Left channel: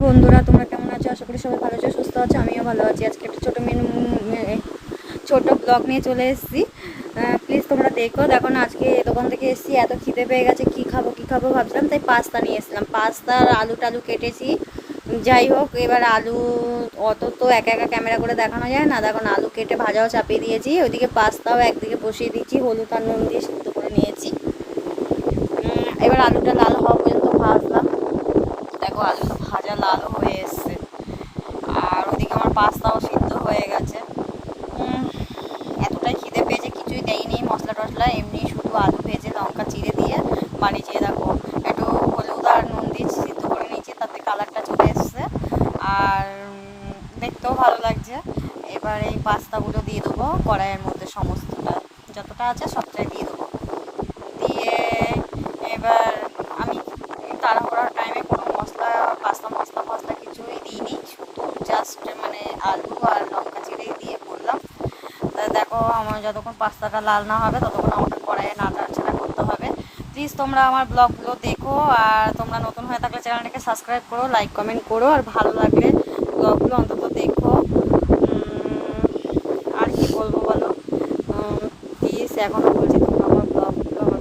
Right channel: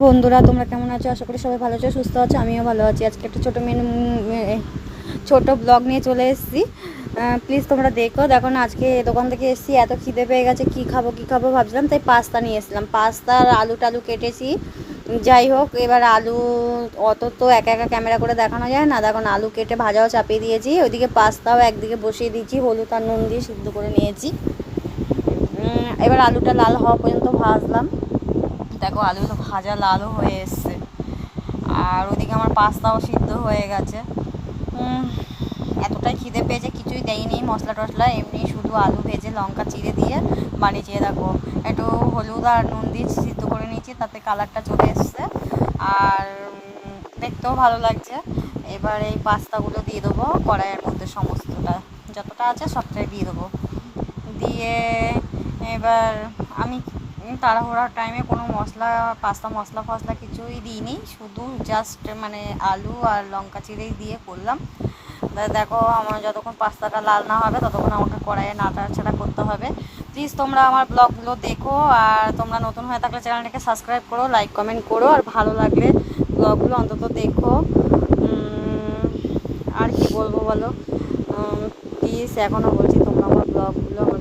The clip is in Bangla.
বন্ধুরা, তোমরা কেমন আছো? আশা করি সবাই ভালো আছো, সুস্থ আছো। আমিও ভালো আছি। আজকে একটা ছোট ব্লগ নিয়ে চলে এসেছি। প্লিজ তোমরা দেখো না। আজকে দোকান থেকে এসেছি, এত খিদে পেয়ে গেছে, কি খাবো ভাবছিলাম, তাই পাস্তা নিয়ে এসেছিলাম। পাস্তা আর আলু টালু কেটেছি। যাই হোক, এবার আলু অত তো একা একা ক্যামেরা করে দেখানো যায় না। দেখো না, আলু কেটে ভাজাও চাপিয়ে দিয়েছি, ওইদিকে পাস্তাও একদিকে বসিয়ে দিয়েছি, হলুদ আর নুন দিয়ে সিদ্ধ করে নিয়েছি। এবার আলুটা লাল হওয়া পর্যন্ত ভাজলাম। দেখো, আলুটা ভাজা লালও হয়ে এসছে, আর ওদিকে আমার পাস্তাও সিদ্ধ হয়ে গেছে। এতটাই খিদে পেয়েছে, কিছুই দেয়নি মশলা টশলা, এমনি শুধু আলু ভেজে লঙ্কা চিড়ে দিয়ে বানিয়েছি। দেখো, একটু হলুদ আর নুন দিয়ে সিদ্ধ করে নিয়েছি, তাতে কালারটা চলে এসছে আর দেখতেও ভালো লাগছে। এবার এই পাস্তাগুলো দিয়ে দেবো কড়াইয়ের মধ্যে, সমস্তটা যতটা আছে সবটাই দিয়ে দেবো। দিয়ে এবার আমি তাড়াহুড়ার টাইমে কোনো পাস্তা মশলা কিছুই দিইনি, শুধু জাস্ট মানে আলু আর লঙ্কা চিড়েই দিয়ে করলাম। তাই দেখো, আমার যতক্ষণ পাস্তাটা লাল না হবে ততক্ষণ আমাকে কড়াইয়ে নাড়াচাড়া করতে হবে। প্লিজ তোমরা আমার ব্লগগুলো দেখো, আর তোমরা নতুন হয়ে থাকলে চ্যানেলটাকে সাবস্ক্রাইব করো, লাইক কমেন্ট করো, আর ভালো লাগলে ব্লগগুলো অন্তত দেখো। আর কি বলবো বলো, প্লিজ এখনও বলছি তোমরা আমার ব্লগগুলো আমার